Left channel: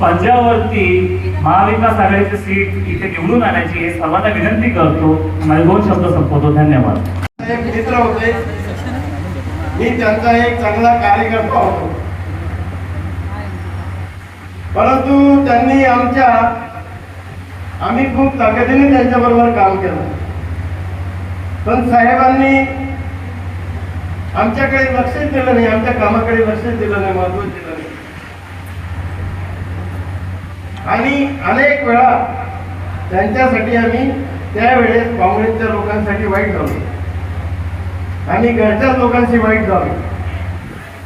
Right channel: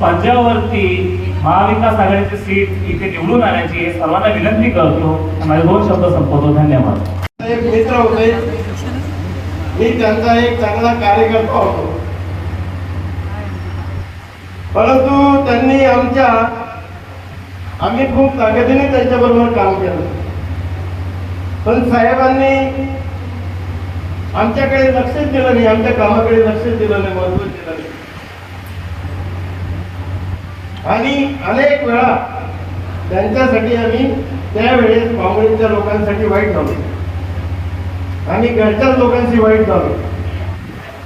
पंजाबवरती महाविकास आघाडीची सीट इथे निवडून आणायची हे सर्वांना विनंती करतो. माझे दोन शब्द संपवतो. धन्यवाद. एक मित्र होते. मी त्यांचा एक चांगला कार्यकर्ता होतो. परंतु त्यांनी आमच्या आम्ही खूप ताकदीने त्यांच्याबरोबर काम केलं. पण साहेबांनी आमच्याकडे लक्षच दिलं नाही आमच्या कामाकडे लक्षच दिलं नाही महत्त्व दिलं नाही. आणि अनेक वेळा त्यांच्यासाठी आम्ही त्यावेळेस काँग्रेसच्या लोकांसाठी वाईट झालो. आणि घरच्या लोकांशी वाईट झालो.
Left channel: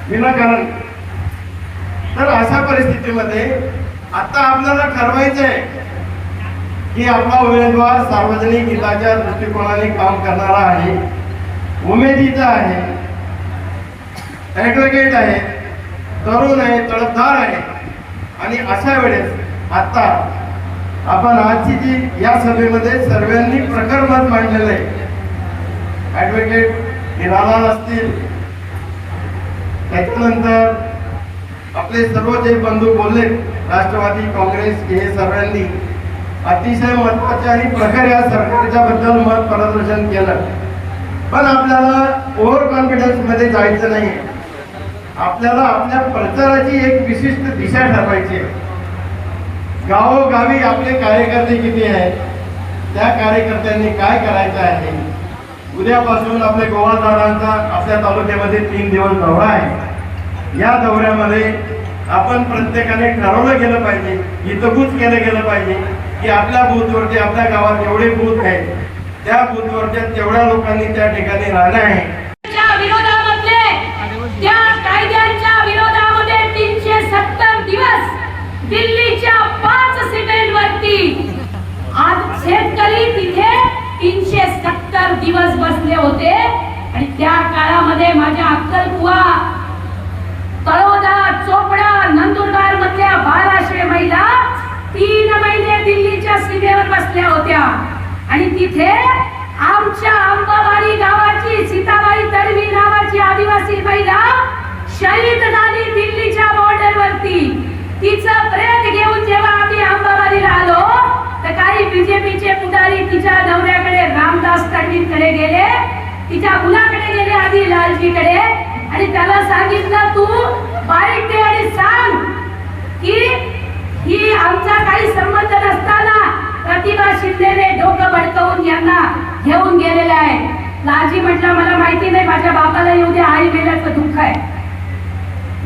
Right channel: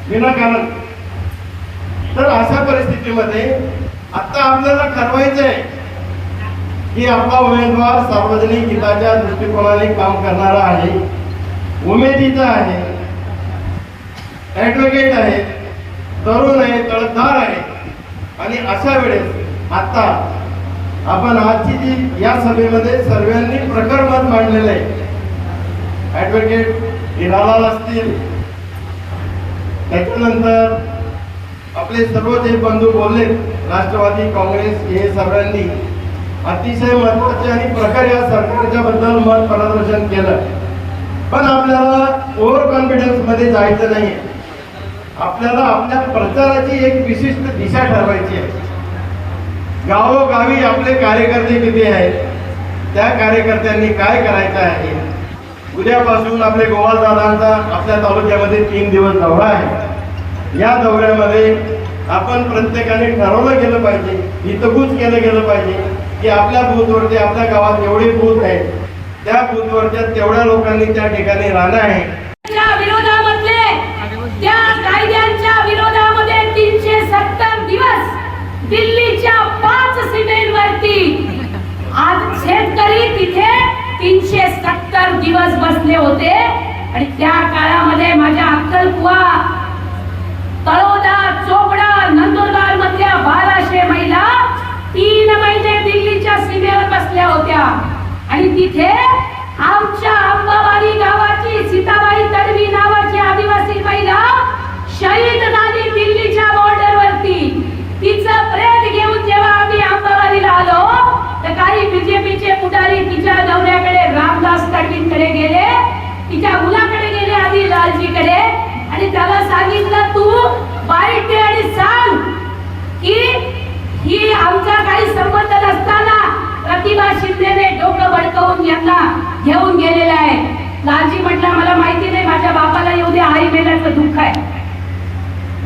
विनाकारण. तर अशा परिस्थितीमध्ये आता आपल्याला ठरवायचं आहे की आपला उमेदवार सार्वजनिक हिताच्या दृष्टिकोनाने काम करणारा आहे उमेदीचा आहे ऍडव्होकेट आहे तरुण आहे तळपदार आहे. आणि अशा वेळेस आता आपण आजची जी या सभेमध्ये सर्वांनी प्रखर मत मांडलेलं आहे. ऍडव्होकेट हिरालाल असतील. त्याच्यानंतर आपले सर्व जे बंधू बोलले राष्ट्रवादी काँग्रेस हे सर्वांनी अतिशय महत्त्वाचे आणि प्रखर या सरकारच्या बद्दल मत प्रदर्शन केलं. पण आपल्याला ओव्हर कॉन्फिडन्समध्ये जायचं नाही आपल्याला आपल्या प्रचाराची एक विशिष्ट दिशा ठरवायची आहे. गावोगावी आपले कार्यकर्ते किती आहेत? त्या कार्यकर्त्यांनी काय करायचं आहे? उद्यापासून आपले गोवालदादांचा आपल्या तालुक्यामध्ये तीन दिवस दौरा आहे. या दौऱ्यामध्ये आपण प्रत्येकाने ठरवलं गेलं पाहिजे हितगुज केलं गेलं पाहिजे की आपल्या बूथवरती आपल्या गावात जेवढे बूथ आहेत त्या बूथवरच्या तेवढ्या लोकांनी त्या ठिकाणी राहणं आहे. आणि तिथे आमच्या अंबावाडी गावाची सीताबाई तडवी नावाची आदिवासी महिला शहीद झाली दिल्लीच्या बॉर्डर वरती. तिचं प्रेत घेऊन जेव्हा आम्ही अंबावाडीला आलो तर काही बीजेपीचे पुढारी तिच्या दौऱ्याकडे रामदास तडवींकडे गेले. तिच्या मुलाकडे गेले आधी लालजीकडे. आणि त्याला सांगितलं तू बारीक दे आणि सांग की ही आमचा काही संबंध नसताना प्रतिभा शिंदेने डोकं भडकवून यांना घेऊन गेलेलं आहे. लालजी म्हटला मला माहिती नाही माझ्या बापाला येऊ दे आई मेल्याचं दुःख आहे.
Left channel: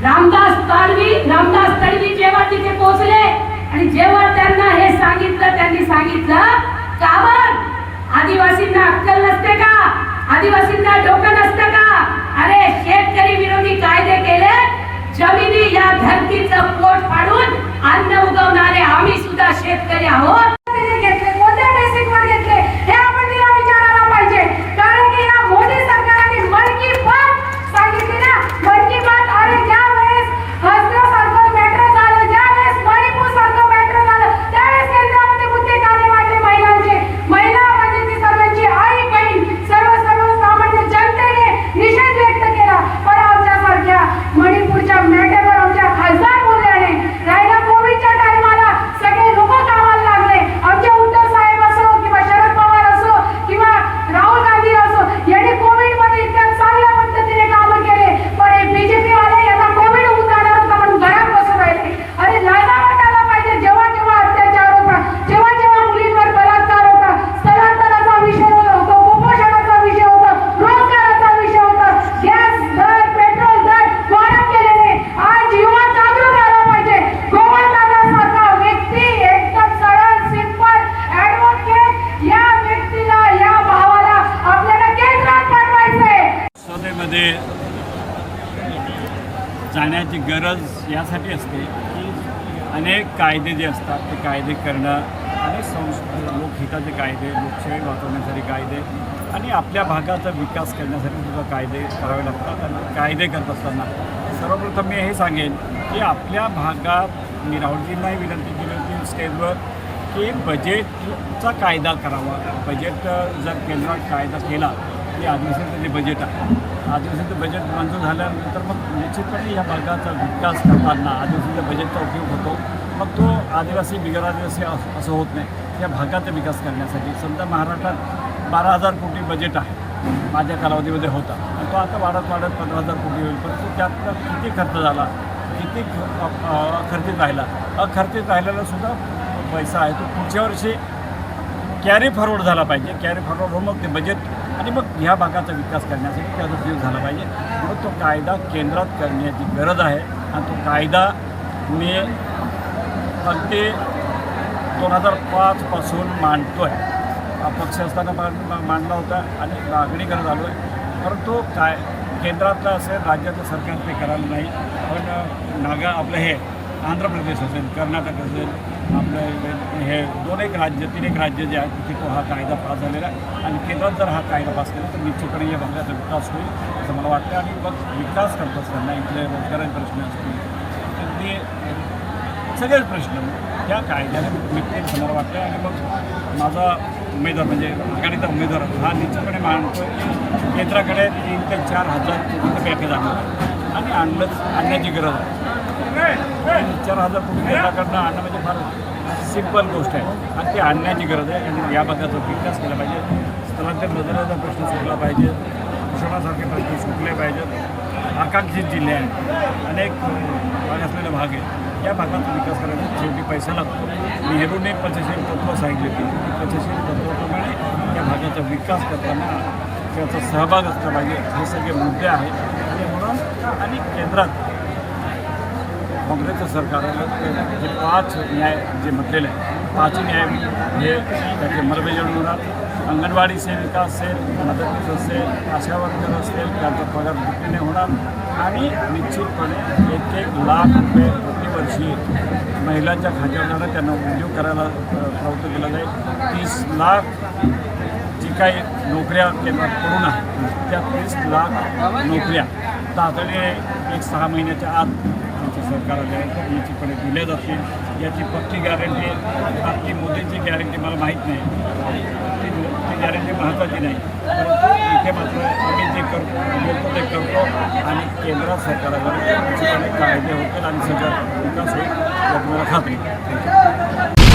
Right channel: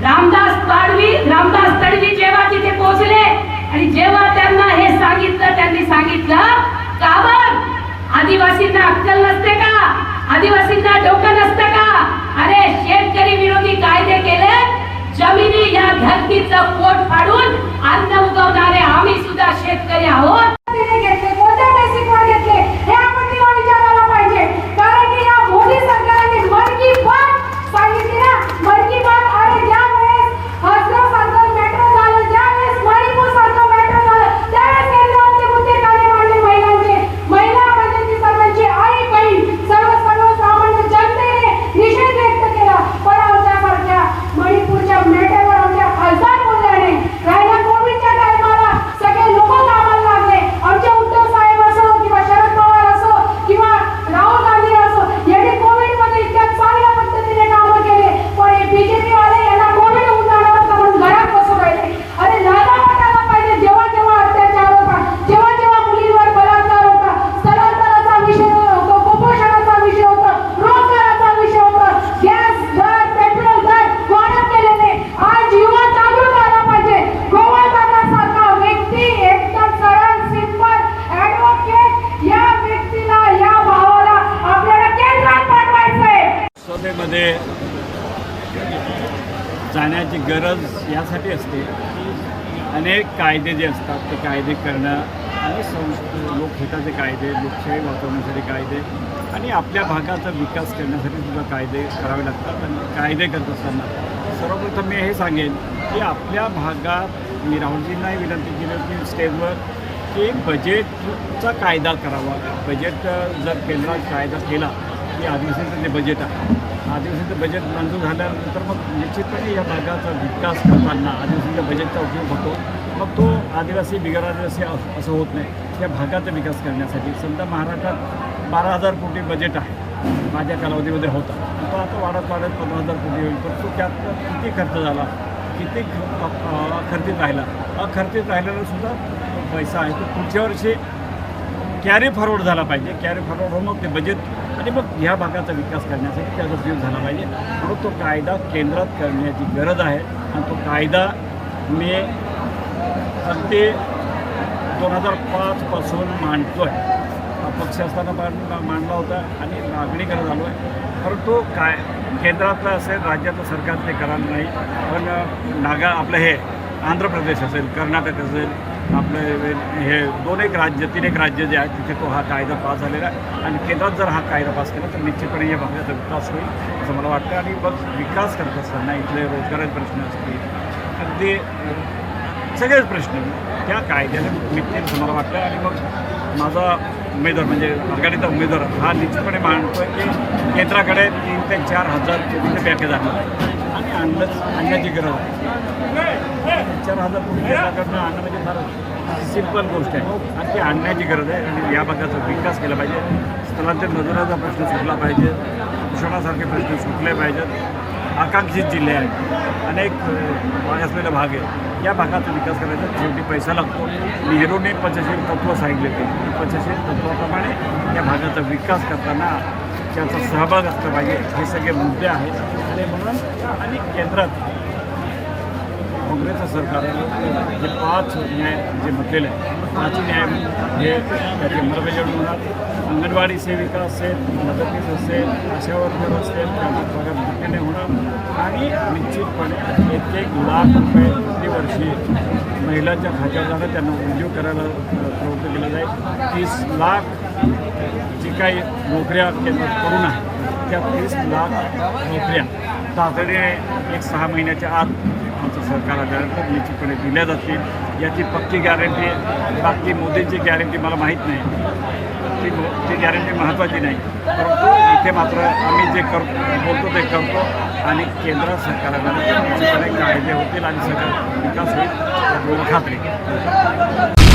रामदास पाडवी रामदास तडवी जेव्हा तिथे पोहोचले आणि जेव्हा त्यांना हे सांगितलं त्यांनी सांगितलं काबर? आदिवासींना अक्कल नसते का? आदिवासींना डोकं नसतं का? अरे शेतकरी विरोधी कायदे केले जमिनी या धरतीचं पोट फाडून अन्न उगवणारे आम्ही सुद्धा शेतकरी आहोत तिने घेतले कोणत्या बेसिकवर घेतले हे आपण तिला विचारायला पाहिजे कारण की या मोदी सरकारने मन की बात सांगितली ना मन की बात अरे ज्या वेळेस हसरो सारखं मॅटर झालं ज्या वेळेस मणिपूर सारखं मॅटर झालं त्यावेळेस केंद्रामध्ये मुद्दे काढे मांडले महिलांचे महिला म्हणजे ती सर्वांची आई बहीण सर्व सर्व सामान्य जनतेने निषेध व्यक्त केला पण आमच्यासारख्या मणिपूरच्या मॅटरवर आमच्या खासदार बोलल्याने राहिला कोविडच्या टायमाला सगळे लोक कामाला लागले आमचे उद्धव साहेब असो किंवा शरद पवार असो किंवा राहुल गांधी असो यांनी कोविडमध्ये इतक्या चांगल्या पद्धतीने कामं केले पण हे बीजेपी वाले यांना कोविड होऊन जाणार होता म्हणून घरात बसून राहिले अरे लाजा वाटायला पाहिजे जेव्हा जेव्हा अत्याचार होता जेव्हा जेव्हा मुलींवर बलात्कार होता स्थलांतराचा विषय होतो कुपोषणाचा विषय होता रोजगाराचा विषय होता गॅस दर पेट्रोल दर वाढत गेलेले आज युवा जागृत राहायला पाहिजे गोवादादासारखा व्यक्ती एकदम सरळ सिंपल ऍडव्होकेट या व्यक्तीला या भावाला आपल्याला केंद्रात पाठवायचंय संसदेमध्ये जाण्याची गरज यासाठी असते. की अनेक कायदे जे असतात ते कायदे करणं आणि संस लोकहिताचे कायदे लोकशाही वाचवण्यासाठी कायदे आणि आपल्या भागाचा विकास करण्यासाठी सुद्धा कायदे करावे लागतात आणि कायदे करत असताना. सर्वप्रथम मी हे सांगेन की आपल्या भागात मी राहुलजींनाही विनंती केली होती स्टेजवर की बजेटचा कायदा करावा. बजेट जर केंद्रात कायदा केला की आदिवासींचं जे बजेट आहे. आदिवासींचं बजेट मंजूर झाल्यानंतर मग निश्चितपणे या भागाचा विकास करताना आदिवासींच्या बजेटचा उपयोग होतो. मग तो आदिवासी बिगर आदिवासी अस- असं होत नाही. या भागाचा विकास करण्यासाठी समजा महाराष्ट्रात बारा हजार कोटी बजेट आहे. माझ्या कालावधीमध्ये होता. तो आता वाढत वाढत पंधरा हजार कोटी होईल. परंतु त्यातला किती खर्च झाला? किती खर्चित राहिला? अखर्चित राहिलेला सुद्धा पैसा आहे. तो पुढच्या वर्षी कॅरी फॉरवर्ड झाला पाहिजे. कॅरी फॉरवर्ड होऊन मग ते बजेट आणि मग ह्या भागाचा विकास करण्यासाठी त्याचा उपयोग झाला पाहिजे. म्हणून तो कायदा केंद्रात करण्याची गरज आहे आणि तो कायदा मी अगदी दोन हजार पाचपासून मांडतो आहे अपक्ष असताना मांड मांडला होता आणि मागणी करत आलो आहे परंतु काय केंद्रातलं असेल राज्यातलं सरकार ते करायला नाही. पण नागा आपलं हे आंध्र प्रदेश असेल कर्नाटक असेल आपलं हे दोन एक राज्य तीन एक राज्य जे आहेत तिथे तो हा कायदा पास झालेला आहे. आणि केंद्रात जर हा कायदा पास केला तर निश्चितपणे या भागाचा विकास होईल असं मला वाटतं. आणि मग विकास करत असताना इथले रोजगाराचे प्रश्न असतील अगदी सगळेच प्रश्न त्या कायद्याने मिळतील असं मला वाटतं. आणि मग माझा उमेदवार म्हणजे आघाडीचा उमेदवार हा निश्चितपणे मानतो की केंद्राकडे तीन ते चार हजार कोटीचं पॅकेज आणलं आहे. आणि आणलंच आणण्याची गरज आहे. चार हजार कोटी केंद्राकडनं आणणं म्हणजे फार सिंपल गोष्ट आहे. आणि ती आणण्याची गरज आहे. आणि या भागाचा विकास केला पाहिजे. स्थलांतर मजुराचा प्रश्न सुटला पाहिजे. कुषणासारखे प्रश्न सुटले पाहिजेत. आकांक्षित जिल्हे आहेत. अनेक भाग असलेला भाग आहे या भागाचा विकास करायचा. शेवटी पैसा लागतो. नेहरूने पंचशील तत्त्व सांगितले ते पंचशील तत्त्वाप्रमाणे या भागाचा विकास करताना त्याचा सहभाग असला पाहिजे. हे सगळे मुद्दे आहेत. आणि म्हणून आणि केंद्रात काँग्रेसचं सरकार जे पाच न्याय जे म्हटलेले आहे पाचही न्याय हे त्याची अंमलबजावणी होणार. अंगणवाडी सेविका असेल मदतीस असेल आशा वर्कर असेल त्यांचा पगार दुपटीने होणार. आणि निश्चितपणे एक एक लाख रुपये प्रतिवर्षी महिलांच्या खात्यावर जाणं त्यांना उद्योग करायला प्रवृत्त केलं जाईल. तीस लाख जी काही नोकऱ्या केंद्रात करून आहे त्या तीस लाख नोकऱ्या तातडीने एक सहा महिन्याच्या आत आमचं सरकार आल्यानंतर निश्चितपणे दिल्या जातील. याची पक्की गॅरंटी बाकी मोदींची गॅरंटी मला माहीत नाही. ती मो- ती गॅरंटी महत्त्वाची नाही. परंतु इथे मात्र आम्ही जे कर बोलतो ते करतो आणि केंद्र सरकार आल्यानंतर निश्चितपणे कायदे होतील आणि सगळं विकास होईल याची मला खात्री.